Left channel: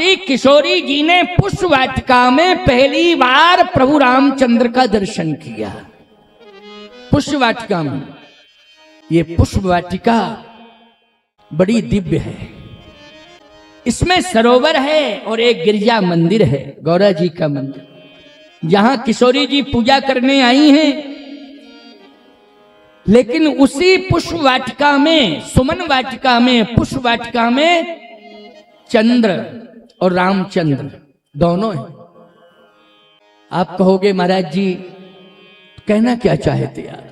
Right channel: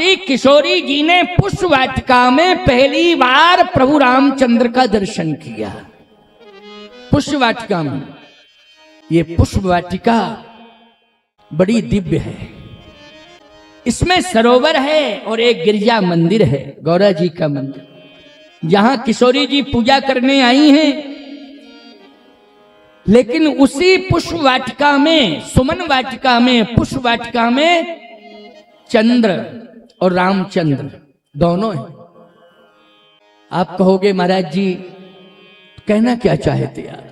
श्री किशोरी जी ने पुष्प वाटिका में पहली बार प्रभु रामचंद्र का दर्शन किया। पुष्प वाटिका में, ये पुष्प वाटिका बड़ी दिव्य है। इसमें सरोवर है और एक गिरजा मंदिर है, गौरा जी का मंदिर, जहां किशोरी जी पूजा करने आई हैं। लेकिन उसी पुष्प वाटिका में, सुमन वाटिका में, पुष्प वाटिका में चंद्र और रामचंद्र दोनों हैं। आप कहोगे महाराज जी कहना क्या चाहते आप?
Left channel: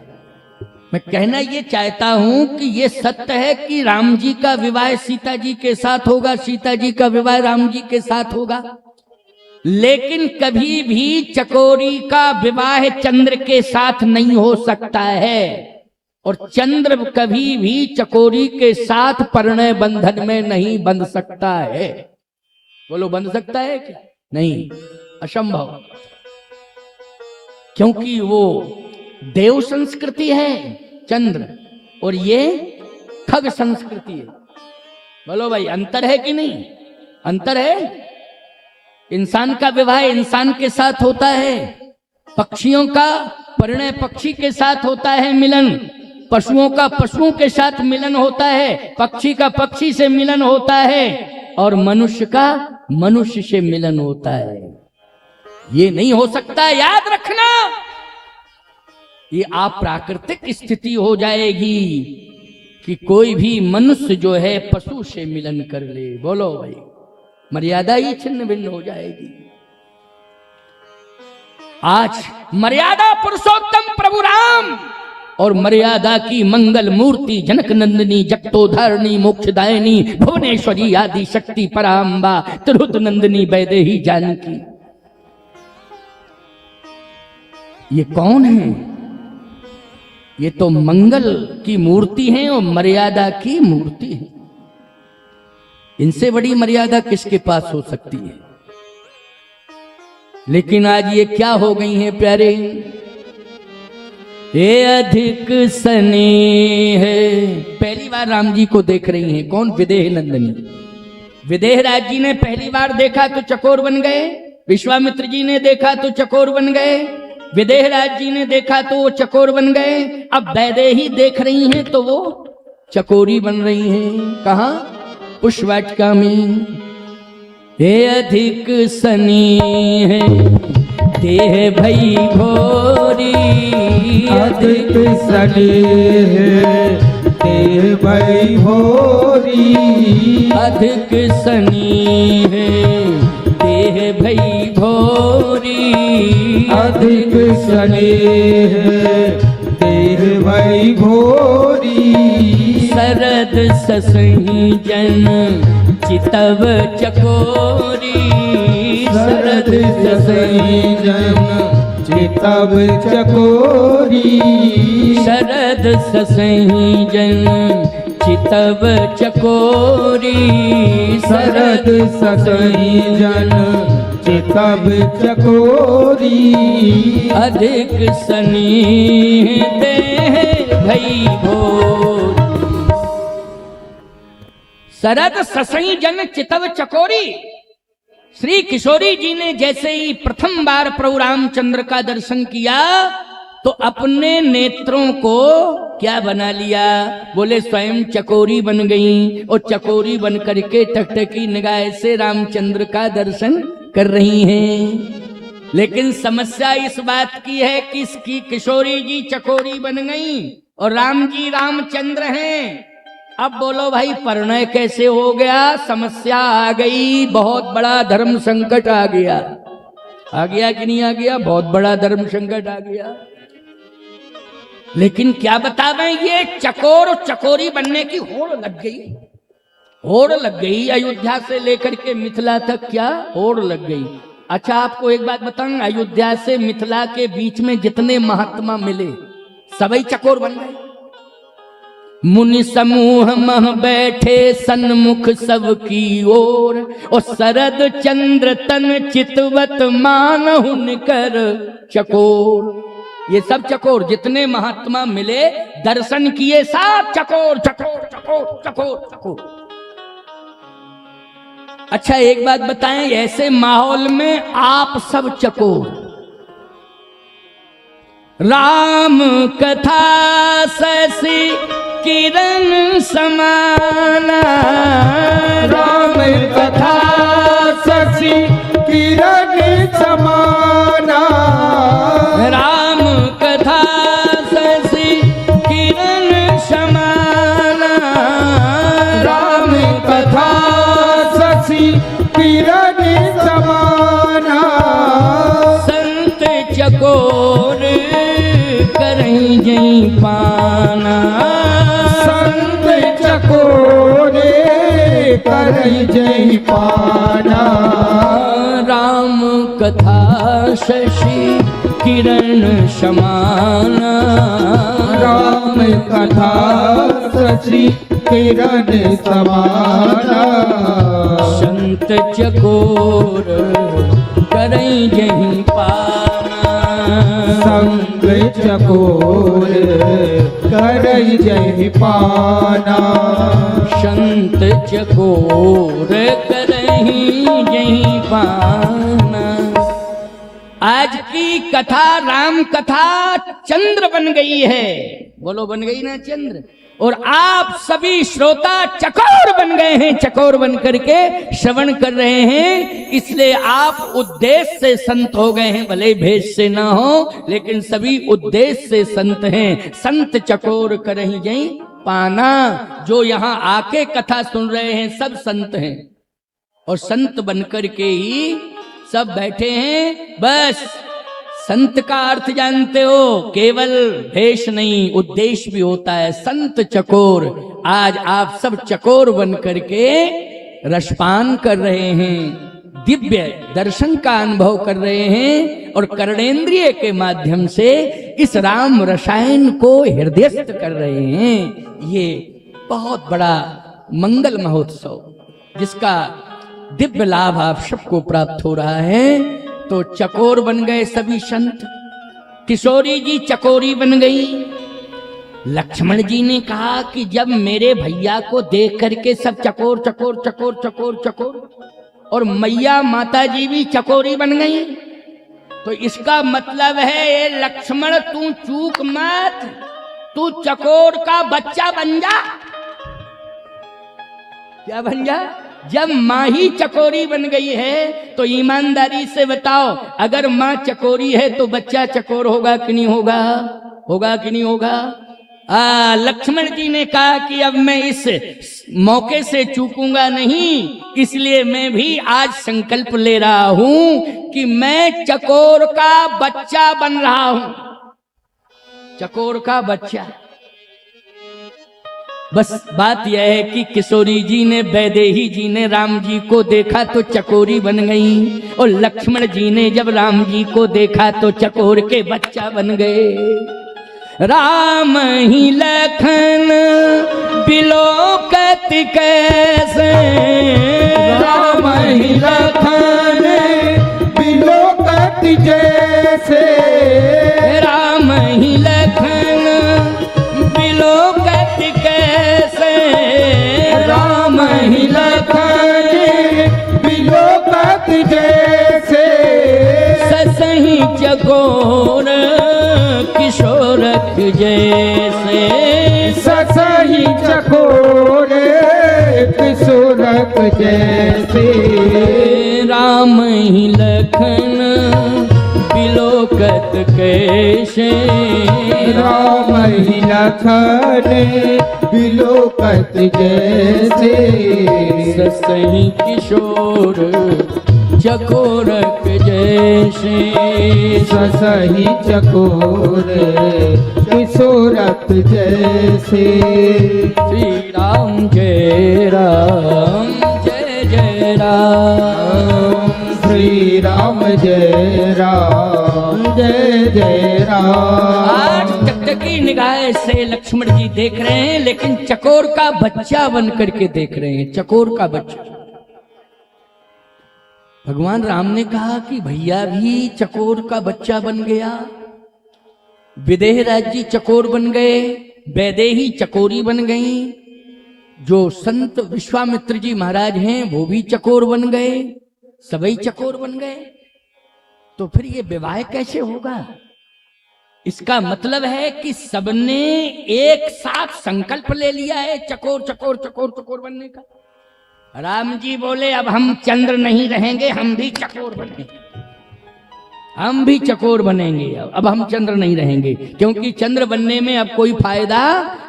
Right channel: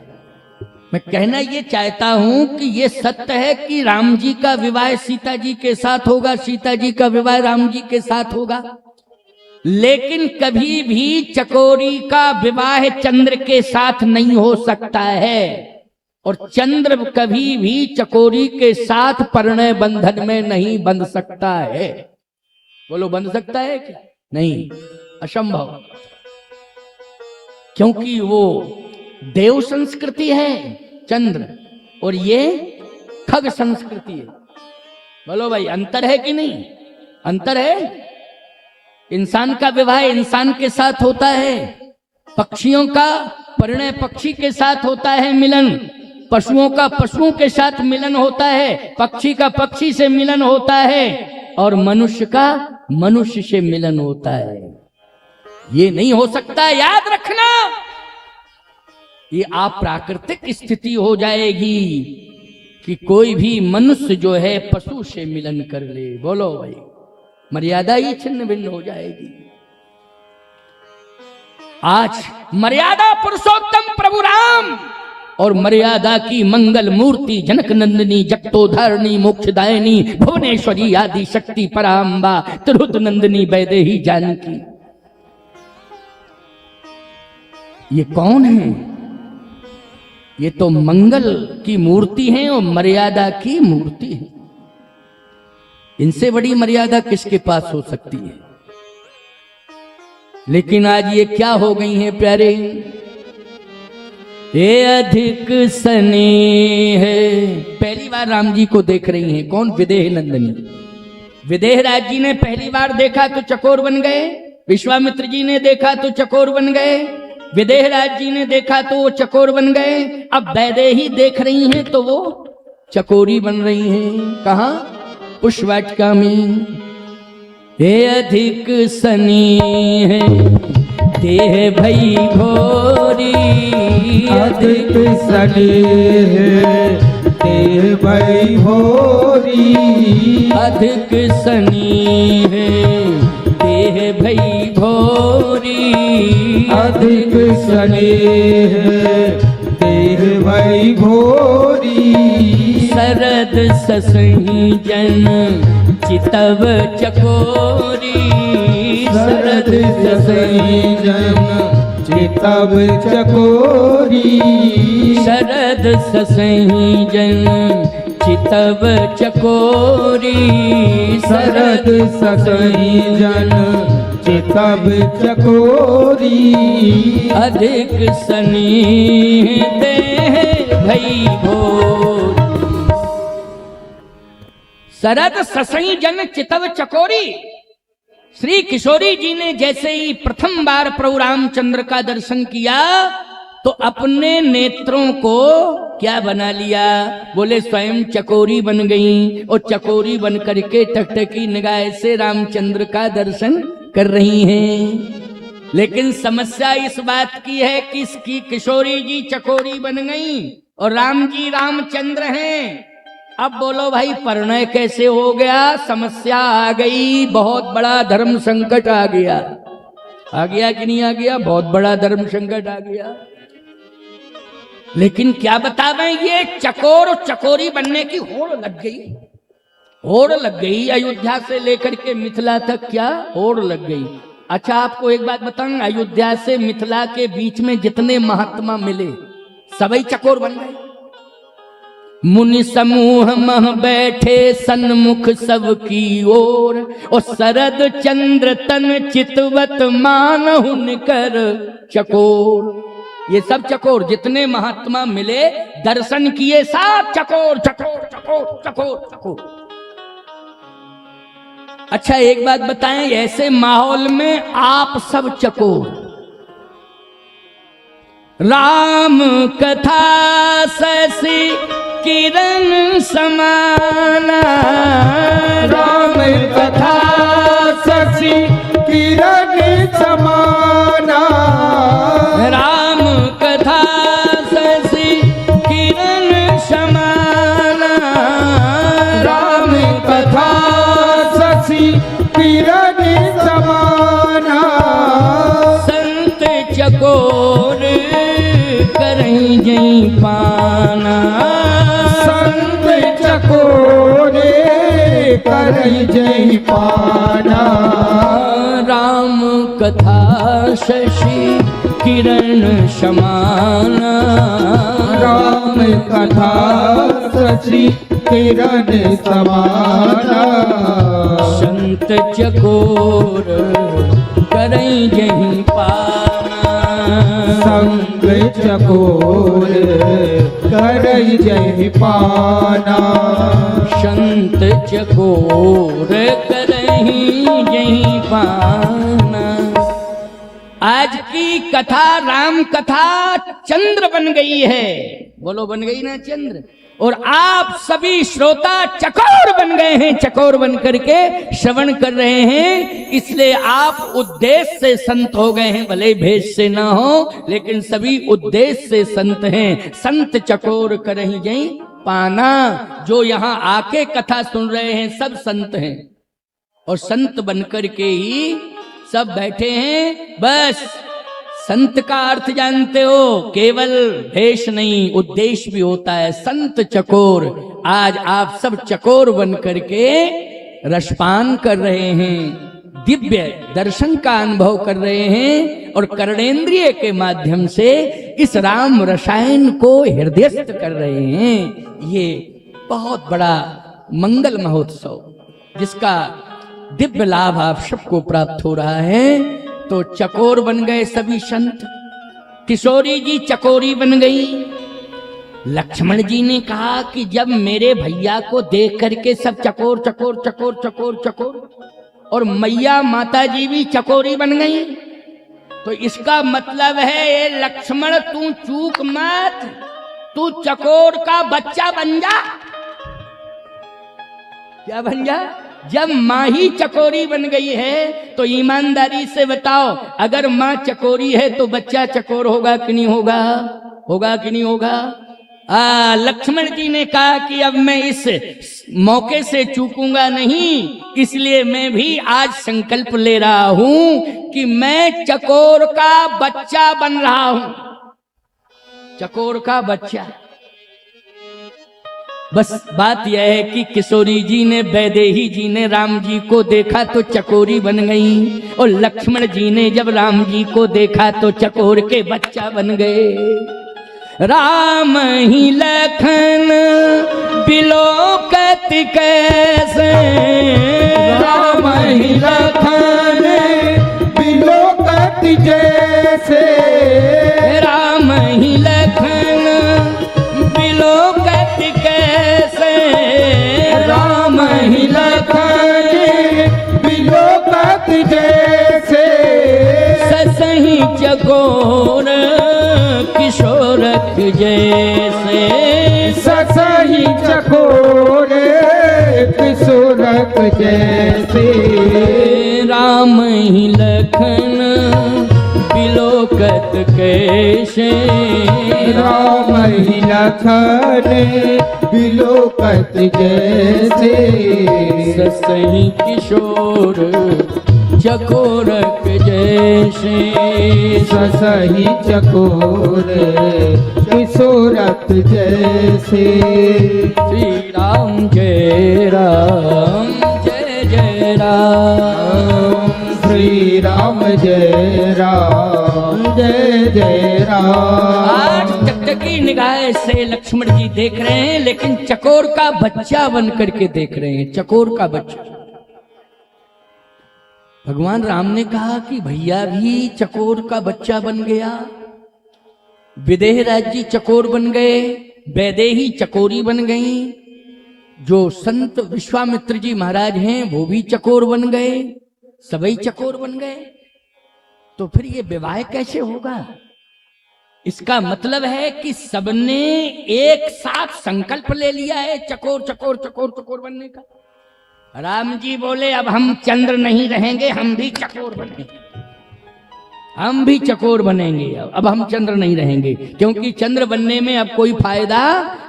मैं कहना ये चाहता हूं कि ये सत्य है कि राम जी का विवाह सीता जी के साथ होगा, सीता जी का विवाह राम जी के साथ होगा, लेकिन कभी भी चकोरी का विवाह चंद्र के साथ नहीं हो सकता है, और चंद्र कभी भी चकोरी के साथ परिणय बंधन में नहीं बंध सकता है। बोलो बंध सकता है क्या? नहीं, असंभव, क्योंकि वो देव संस्कृति है चंद्र, और ये खग संस्कृति है। बोलो भाई अंतर है कि नहीं? अंतर है। इंसान का विवाह इंसान के साथ होता है, पक्षियों का परिणय पक्षी के साथ होता है मिलन, पशुओं का पशुओं के साथ मिलन होता है, पक्षी का पक्षी से मिलन होता है, और मनुष्य का मनुष्य से मिलन होता है। ये नहीं हो सकता, याद रखना। ये अप्राकृतिक स्थिति हो जाएगी कि कोई भी मनुष्य जो है पशु से मिलन कर ले। बोलो भाई, मर्यादा ही छिन्न भिन्न हो जाएगी। आज मर्यादा पुरुषोत्तम प्रभु राम और मर्यादा की मंगल मूर्ति जनक नंदिनी जगतोधारिणी मोक्षदायिनी भुवनेश्वरी आदि शक्ति पराम्बा तिरुत नंदिनी वैदेही जानकी, ये कौन है? ये तो मंगल की मूर्ति है और मर्यादा की मूर्ति है। इनसे बड़ी मर्यादा किसके पास हो सकती है? लेकिन आज ये क्या हो गई है प्यारे, ये अधिक सनी है। पहली बार राम जी को देख रही हैं, कौन? विदेह नंदिनी। विदेह राज जी ने पहली बार देखा तो चकोर बन गए, विश्वामित्र जी ने देखा तो चकोर बन गए, विदेह राज जी ने देखा तो वो चकोर बन गए। अब वैदेही देख रही हैं तो वो चकोरी बन रही हैं। कहाँ? पुष्प वाटिका में। ये अधिक सनी है देह भई भोरी, अधिक सनी है देह भई भोरी, अधिक सनी है देह भई भोरी, अधिक सनी है देह भई भोरी। शरद ससही जन चितव चकोरी, शरद ससही जन चितव चकोरी, शरद ससही जन चितव चकोरी, शरद ससही जन चितव चकोरी। अधिक सनी भई भोर। शरद ससई जन चितव चकोरी। श्री किशोरी जी ने जैसे ही प्रथम बार प्रभु रामचंद्र का दर्शन किया तो अपने नेत्रों को क्या बना लिया? बोले स्वयं चकोरी बन गई, और चकोरी बन करके टकटकी निगाह से रामचंद्र का दर्शन कर रही हैं। लेकिन समस्या इस बात की है कि इसकी किशोरी जी चकोरी बन गई और राम जी रामचंद्र हैं। अब बोलो भाई परिणय कैसे हो गया? समस्या आ गई, बहुत बड़ा धर्म संकट आ गया। आ गया कि नहीं आ गया? बहुत बड़ा धर्म संकट आ गया। लेकिन क्या बतावें, ये चकोर चकोरी बनने की होड़ लग गई, होड़ लग गई। अयोध्या से लेकर के मिथिला तक क्या होड़ लग गई। अच्छा आपको एक बात बताऊं, अयोध्या से मिथिला के बीच में जितने महात्मा मिले सभी चकोर बन गए। मुनि समूह मह बैठे सन्मुख सबकी ओर, और शरद चंद्र तन चितवत मानहुन कर चकोर। ये सब चकोर, जितने महात्मा मिले दर्शन किए, सब चकोर चकोर चकोर चकोर चकोर। अच्छा एक बात बताएं, ऐसे माहौल में आप सब चकोर, राम कथा ससी किरण समाना, राम कथा शशि किरण समाना, राम कथा ससी किरण समाना, राम कथा शशि किरण समाना, संत चकोर करहीं जई पाना, संत चकोरे करई जय पाना, राम कथा शशि किरण समाना, राम कथा शशि किरण समाना, संत चकोर करई जहीं पाना, संग चकोर करई जय पाना, संत चकोर करहीं जहीं पाना। आज की कथा राम कथा चंद्र बन गई है, बोलो बन गई ना चंद्र, और आप सभी श्रोता चकोर बन गए हैं, चकोर बन करके श्रवण कर रहे हैं, इसलिए आप उद्देश्य से संत हो गए हैं, भले भेष से ना हो लेकिन सभी उद्देश्य से संत हैं। संत चकोर करहीं जई पाना, जो यहाँ आके कथा सुन रहे हैं सब संत हैं और संत बनकर के ही सब बैठे हैं। बस संत का अर्थ जानते हो, केवल भेष नहीं उद्देश्य भी होता है। संत चकोर, आज आप सब चकोर बन करके रसपान कर रहे हैं, दिव्य दर्शन का अनुभव कर रहे हैं और कर्णेंद्रिय के माध्यम से इस राम रसायन को हृदयस्थ कर रहे हैं। ये बहुत बड़ा मंगल महोत्सव जिसका दिव्य लाभ आप सबको प्राप्त हो रहा है। तो चकोर बन गए सभी संत, किशोरी जी चकोरी बन गई। लक्ष्मण जी ने कहा कि जब मेरे भैया को देख करके सब चकोर चकोर चकोर चकोर चकोर, और मैया माता जी भी चकोरी बन गई, तो इसका मतलब है ये लक्ष्मण तू चूक मत, तू चकोर का बच्चा बन जा। क्या बन जा? जब माँ ही चकोरी बन गई है तो ईमानदारी से बताओ, अगर माँ चकोरी है तो बच्चा चकोर होगा कि नहीं होगा? होगा कि नहीं होगा? लक्ष्मण जी ने कहा कि अब मैं इस मौके से चूकूंगा नहीं, इसलिए मैं भी आज संकल्प ले रहा हूं कि मैं चकोर का बच्चा बन रहा हूं। चकोर का बच्चा। बस बात यह है कि किशोरी जी ने, वैदेही जी ने राम जी को देखा तो चकोरी बन गई, और लक्ष्मण जी ने जब राम जी को देखा तो चकोर के बच्चा बन गए। राम ही लखन बिलोकत कैसे, राम ही लखन बिलोकत जैसे, राम ही लखन बिलोकत कैसे, राम ही लखन बिलोकत जैसे, ससही चकोर किशोरक जैसे, ससही चकोरे किशोरक जैसे, राम ही लखन बिलोकत कैसे, राम ही लखन बिलोकत जैसे, ससही किशोर चकोरक जैसे, ससही चकोर किशोरक जैसे। श्री राम जय राम जय जय राम, श्री राम जय राम जय जय राम। आज टकटकी निगाह से लक्ष्मण जी देख रहे हैं, लेकिन चकोर का बच्चा बन करके देख रहे हैं, चकोर का बच्चा। भगवान राम ने कहा कि भैया भी चकोर का बच्चा बन गया, विदेह राज्य चकोर बन गए, वैदेही चकोरी बन गई, जो संत विश्वामित्र जी महाराज हैं वो भी चकोर बन गए, सभी चकोर बन गए, तो फिर ये विवाह कैसे होगा? इसका मतलब है कि सबने एक साथ संकल्प ले लिया है चकोर चकोर चकोर चकोर बनने का। राम जी बोले अब हम चंद्र नहीं रहेंगे, हम भी चकोर बनेंगे, हम भी चकोर बनेंगे, अब हम चंद्र नहीं रहेंगे, क्योंकि चंद्र बनने में अब कोई फायदा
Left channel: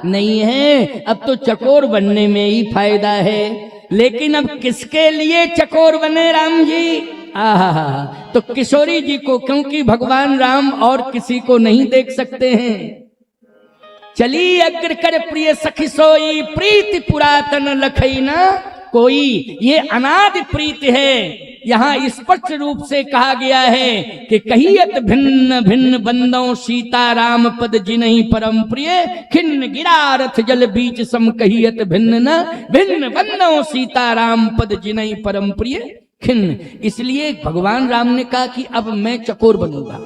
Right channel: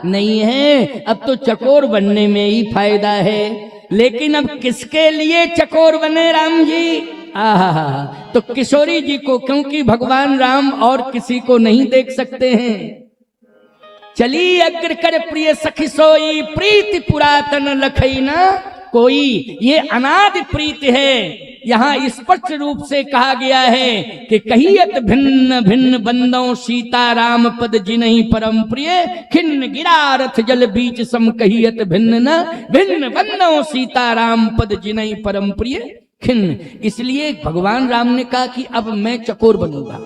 नहीं है, अब तो चकोर बनने में ही फायदा है। लेकिन अब किसके लिए चकोर बने राम जी? आहा, तो किशोरी जी को, क्योंकि भगवान राम और किसी को नहीं देख सकते हैं। चली अग्र कर प्रिय सखी सोई, प्रीति पुरातन लखई न कोई, ये अनादि प्रीत है। यहाँ स्पष्ट रूप से कहा गया है कि कहियत भिन्न भिन्न बंदों, सीता राम पद जिन्हीं परम प्रिय, खिन्न गिरा रथ जल बीच सम, कहियत भिन्न न भिन्न बंदों, सीता राम पद जिन्हीं परम प्रिय खिन्न। इसलिए भगवान राम ने कहा कि अब मैं चकोर बनूंगा,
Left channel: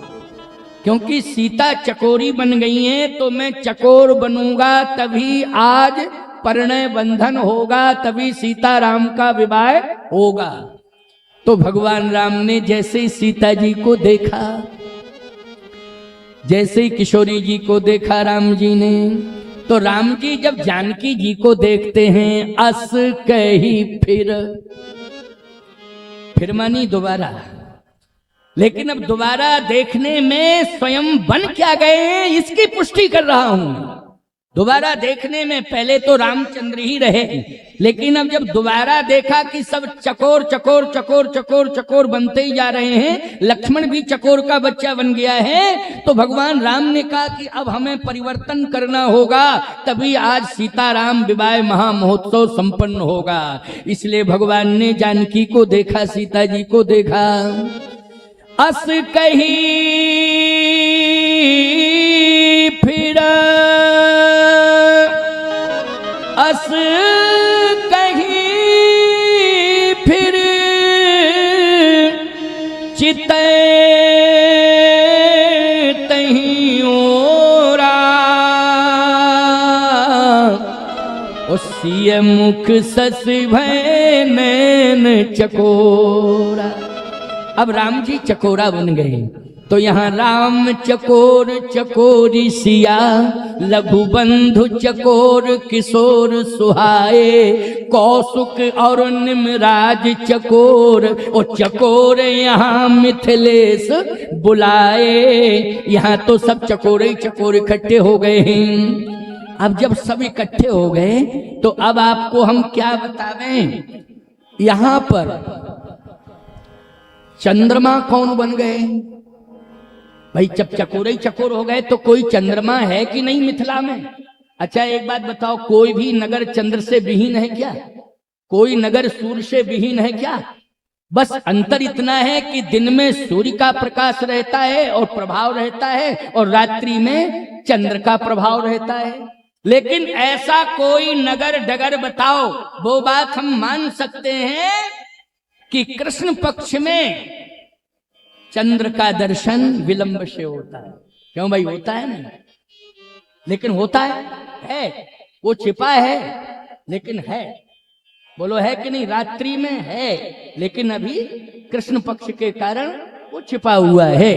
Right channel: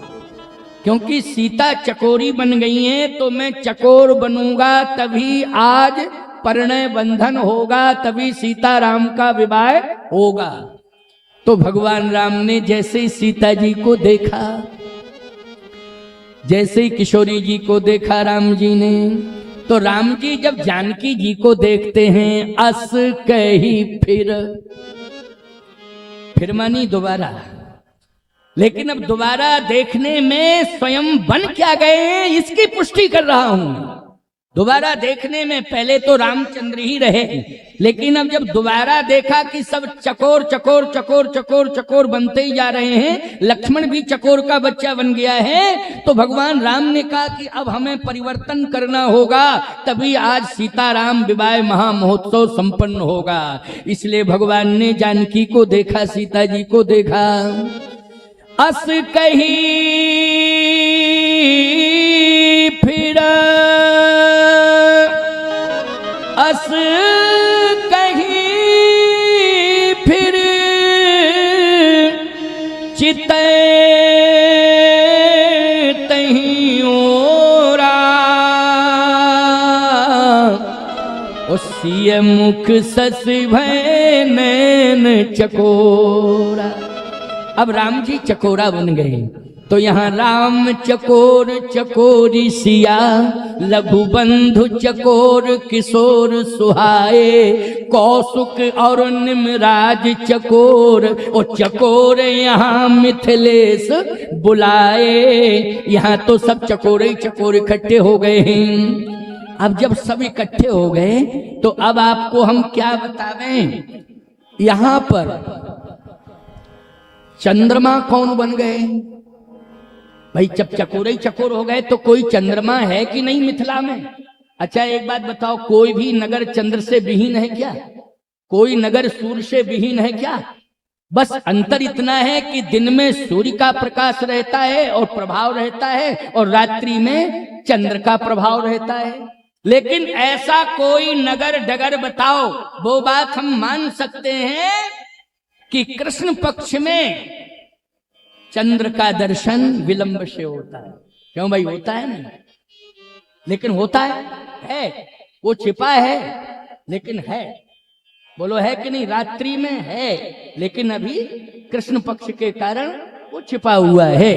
क्योंकि सीता चकोरी बन गई है, तो मैं चकोर बनूंगा, तभी आज परिणय बंधन होगा, तभी सीता राम का विवाह होगा। तो भगवान राम ने जैसे ही सीता जी को देखा, जैसे ही किशोरी जी को देखा राम जी ने, तो राम जी जब जानकी जी को देखते हैं, अस कही फिर मानी दोबारा, लेकिन अब दोबारा देखने में स्वयं बन क्या गए इसकी पुष्टि कर रहा हूं। दोबारा देखने में पहले तो रामचंद्र ही रहे, लेकिन अब जब दोबारा देखा कि सब चकोर चकोर चकोर चकोर चकोर बनते ही जा रहे हैं, लक्ष्मण भी चकोर का बच्चा बन गया है, तो भगवान राम ने कहा कि अब हमें परिवर्तन करना होगा, तभी आज सीताराम विवाह महामहोत्सव संपन्न होगा। इसलिए भगवान ने जानकी को देखा, सीता जी को देखा, अस कही फिर, अस कही फिर, चितै तहीं ओरा, उसी मुख सस भय नैन चकोरा। अब राम जी चकोरा बन गए, तो यहाँ राम चकोर चकोरी सिया, लघु बंधु चकोर किशोर सुहाए, कौसुक और निमराज चकोर, ओ चकोर यहाँ मिथिलेश बुलाए। यहाँ तो सब चकोर ही चकोर इकट्ठे हो गए हैं। अब जब सब इकट्ठे हो गए तो अब आपको हम क्या बतावें, यहाँ पर चंद्रमा कौन बन गए भाई? जब चकोर ही चकोर हो गए तो कोई चंद्रमा है कि नहीं मिथिला में? अच्छा एक बात बताओ, कोई भी नगर चंद्र से विहीन है क्या? कोई नगर सूर्य से विहीन है क्या? बस अंतर इतना है कि दिन में सूर्य का प्रकाश रहता है और प्रभाव रहता है, और रात्रि में चंद्र का प्रभाव रहता है। लेकिन ऐसा कोई नगर डगर बताओ, वो बात हम मान सकते हैं कि कृष्ण पक्ष में चंद्र का दर्शन विलंब से होता है। क्यों भाई? होता है ना, लेकिन होता है, वो छिपा है लेकिन है। बोलो है कि नहीं? रात्रि में है, लेकिन अभी कृष्ण पक्ष के कारण वो छिपा हुआ है,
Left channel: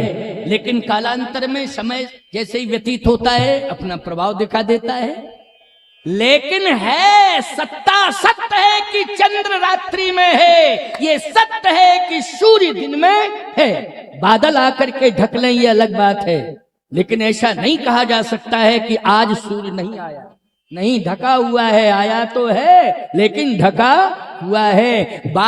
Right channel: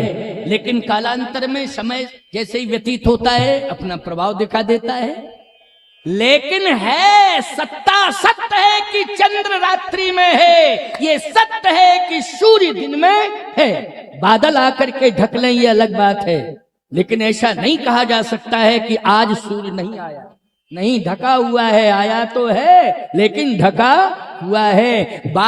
लेकिन कालांतर में समय जैसे ही व्यतीत होता है अपना प्रभाव दिखा देता है। लेकिन है, सत्ता सत्य है कि चंद्र रात्रि में है, ये सत्य है कि सूर्य दिन में है। बादल आकर के ढक लें ये अलग बात है, लेकिन ऐसा नहीं कहा जा सकता है कि आज सूर्य नहीं आया। नहीं, ढका हुआ है, आया तो है, लेकिन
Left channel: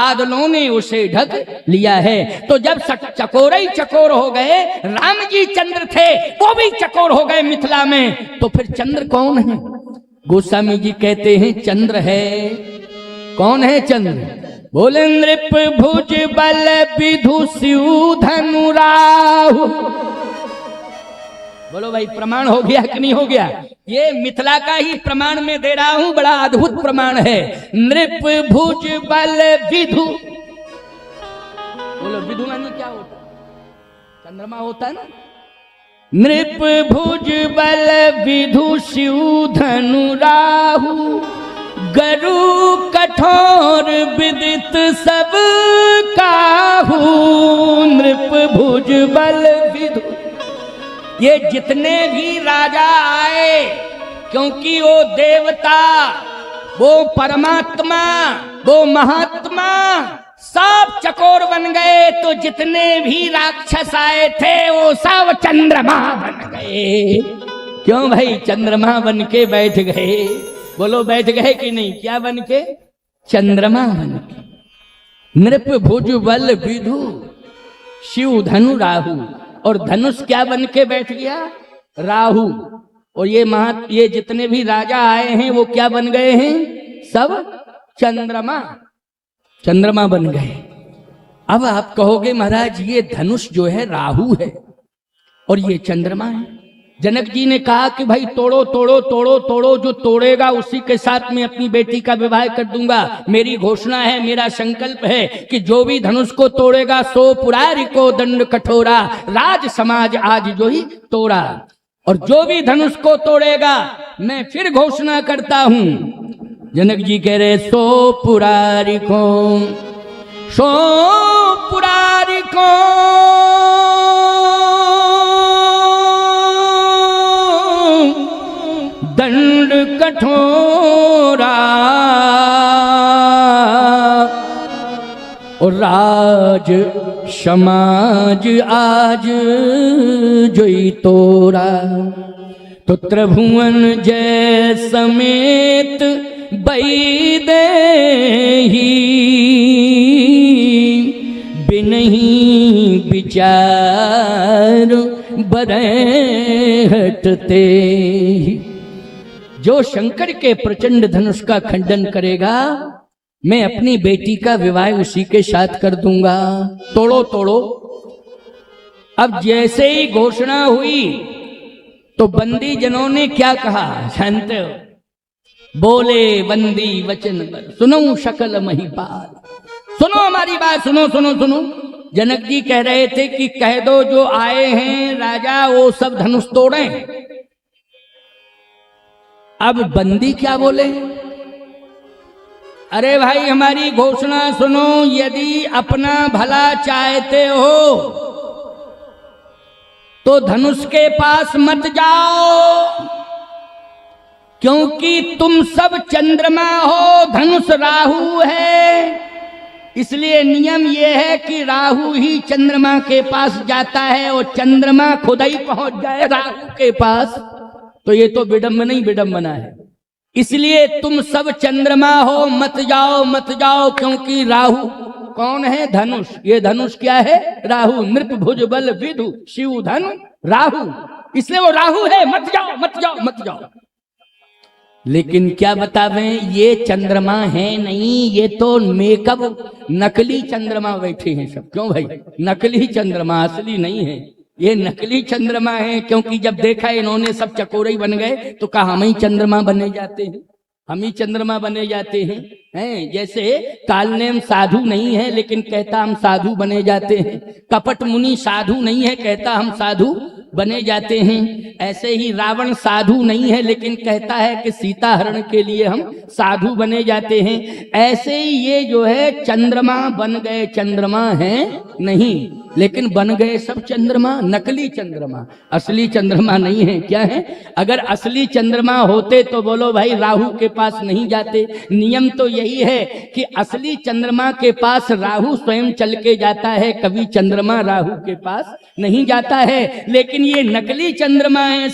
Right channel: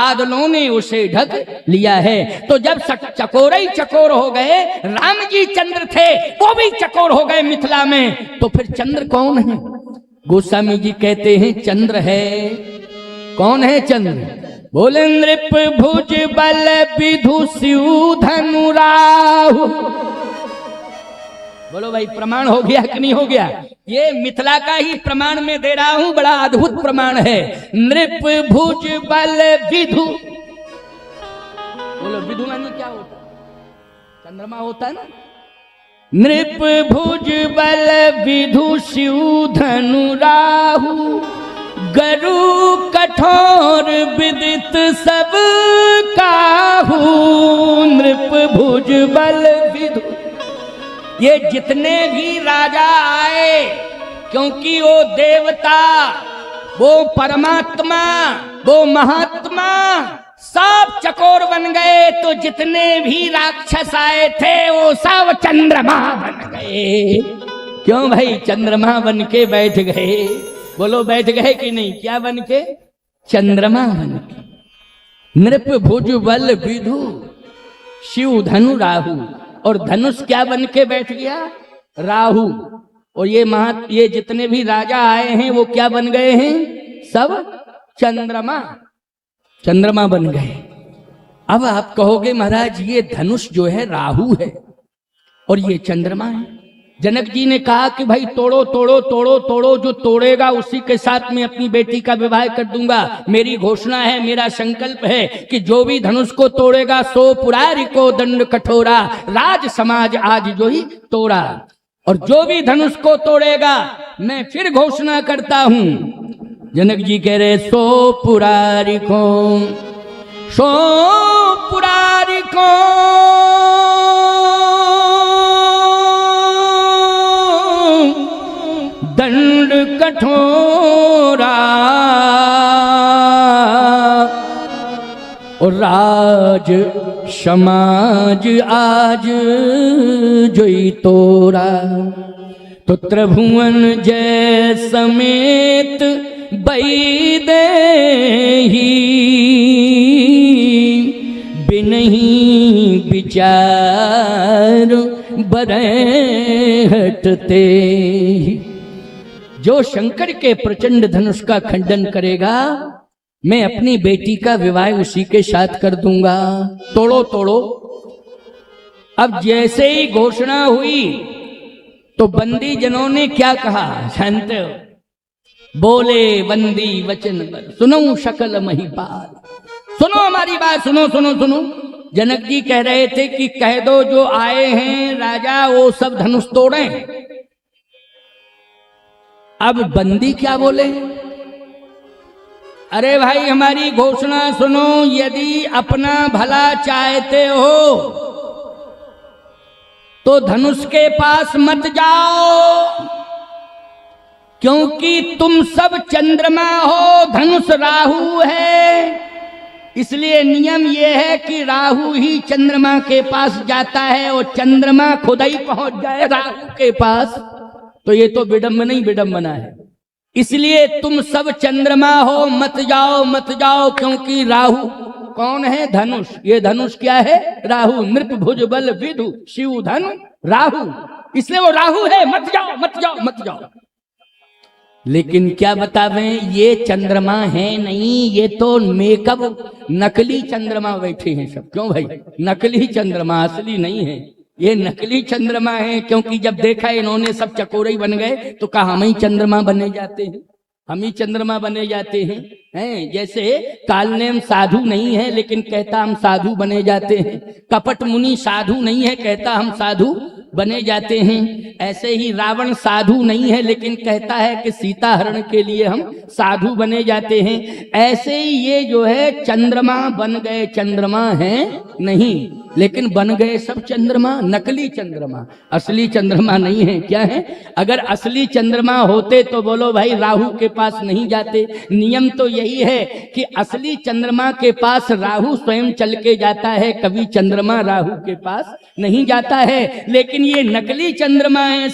बादलों ने उसे ढक लिया है। तो जब चकोर ही चकोर हो गए, राम जी चंद्र थे वो भी चकोर हो गए मिथिला में, तो फिर चंद्र कौन है? गोस्वामी जी कहते हैं चंद्र है। कौन है चंद्र? बोले नृप भुज बल विधु शिव धनु राहु। बोलो भाई, प्रमाण हो गया कि नहीं हो गया? ये मिथिला का ही प्रमाण मैं दे रहा हूं, बड़ा अद्भुत प्रमाण है। नृप भुज बल विधु। बोलो विधु माने क्या होता है? चंद्रमा होता है ना। नृप भुज बल विधु शिव धनु राहु, गरु कठोर विदित सब काहू, नृप भुज बल विधु। ये जितने भी राजा आए, क्योंकि वो देवता, वो परमात्मा, वो महात्मा सब चकोर बन गए, तो जितने भी राक्षस आए थे वो सब चंद्रमा बन गए। क्यों भाई? चंद्रमा बन के बैठ गए। बोलो बैठ गए कि नहीं? क्या बन के? चंद्रमा बन के। नृप भुज बल विधु, शिव धनु राहु। और धनुष क्या बन के बैठ गया? राहु। और ये जितने भी राजा आए हैं वो क्या बन गए हैं? सब चंद्रमा, चंद्रमा बन गए। अब आप कहोगे महाराज ये धनुष जो है राहु है और ये चंद्रमा है। जनक जी ने कहा कि भाई तोड़ो तोड़ो तोड़ो तोड़ो, जो तोड़ेगा उसी के साथ मैं अपनी बेटी का विवाह कर दूंगा। मेरी घोषणा है, मेरा संकल्प है कि जो भी धनुष को तोड़ेगा सो पुरारी को दंड कठोरा, राज समाज आज जो ही तोड़ा। और जो भी धनुष को तोड़ेगा मैं फिर घोषणा करता हूं। जनक जी कह रहे सो पुरारी को, सो पुरारी को दंड कठोरा, और राज समाज आज जोई तोरा। पुत्र भुवन जय समेत बैदेही, बिनही विचार बरे हटते। जो शंकर के प्रचंड धनुष का खंडन करेगा मैं अपनी बेटी का विवाह उसी के साथ कर दूंगा। तोड़ो तोड़ो। अब जैसे ही घोषणा हुई तो बंदी जनों ने क्या कहा? शांत बोले बंदी वचन पर, सुनो शकल महिपाल। सुनो हमारी बात, सुनो सुनो सुनो। जनक जी कह रहे थे कि कह दो जो आए हैं राजा वो सब धनुष तोड़े। अब बंदी क्या बोले? अरे भाई हमारी घोषणा सुनो, यदि अपना भला चाहते हो तो धनुष के पास मत जाओ, क्योंकि तुम सब चंद्रमा हो, धनुष राहु है। इसलिए नियम ये है कि राहु ही चंद्रमा के पास जाता है और चंद्रमा खुद ही पहुंच जाए राहु के पास। तो ये तो विडंबना ही विडंबना है। इसलिए तुम सब चंद्रमा हो, मत जाओ मत जाओ, क्योंकि राहु कौन है? धनुष। ये धनुष क्या है? राहु। नृप भुज बल विधु शिव धनु राहु, इसलिए वो राहु है। मत जाओ मत जाओ मत जाओ। लेकिन क्या बतावे, ये चंद्रमा है नहीं, ये तो मेकअप नकली चंद्रमा बैठे हैं सब। क्यों भाई? नकली चंद्रमा, असली नहीं है। ये नकली चंद्रमा है, क्योंकि जब देखा इन्होंने सब चकोरे बन गए तो कहा हम ही चंद्रमा बने जाते हैं, हम ही चंद्रमा बने जाते हैं। जैसे कालनेम साधु नहीं है लेकिन कहता हम साधु बने जाते हैं, कपट मुनि साधु नहीं है कहता हम साधु बने जाते हैं। ऐसे ही रावण साधु नहीं है लेकिन कहता है कि सीता हरण के लिए हम साधु बने जाते हैं। ऐसे ही ये जो है चंद्रमा बन गए, चंद्रमा है नहीं लेकिन बन गए सब चंद्रमा, नकली चंद्रमा, असली चंद्रमा नहीं है। क्या है? अगर असली चंद्रमा होते तो बोलो भाई राहु के पास नहीं जाते। नियम तो यही है कि असली चंद्रमा के पास राहु स्वयं चल के जाता है, कभी चंद्रमा राहु के पास नहीं जाता है। लेकिन ये नकली चंद्रमा है,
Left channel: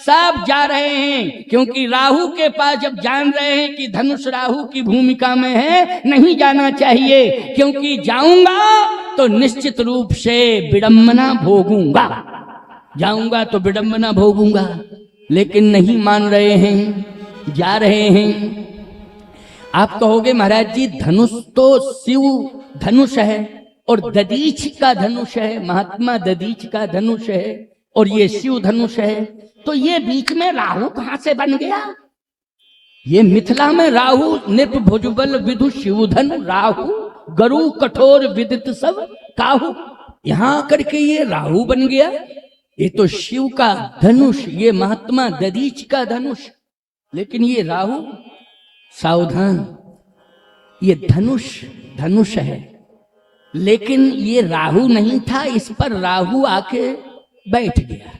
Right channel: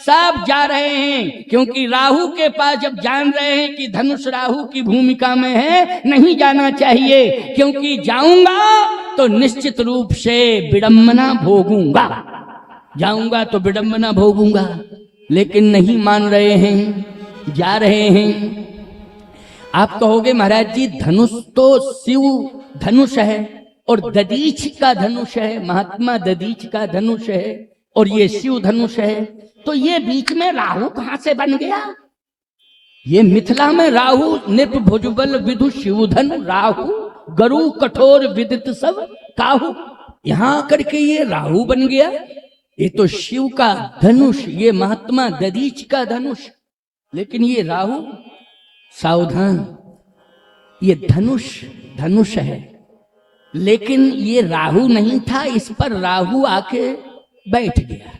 सब जा रहे हैं, क्योंकि राहु के पास जब जान रहे हैं कि धनुष राहु की भूमिका में है, नहीं जाना चाहिए, क्योंकि तो निश्चित रूप से विडंबना भोगूंगा, जाऊंगा तो विडंबना भोगूंगा। लेकिन नहीं मान रहे हैं, जा रहे हैं। आप कहोगे महाराज जी धनुष तो शिव धनुष है और दधीच का धनुष है, महात्मा दधीच का धनुष है और ये शिव धनुष है, तो ये बीच में राहु कहां से बन गया? ये मिथिला में राहु निप भुजबल विधु शिवधन राहु गरु कठोर विदित सब काहू, यहां करके ये राहु बन गया। ये तो शिव का धनुष, ये महात्मा दधीच का धनुष, लेकिन ये राहु सावधान, ये धनुष है, लेकिन ये राहु नहीं था, इस पर राहु आके बैठ गया।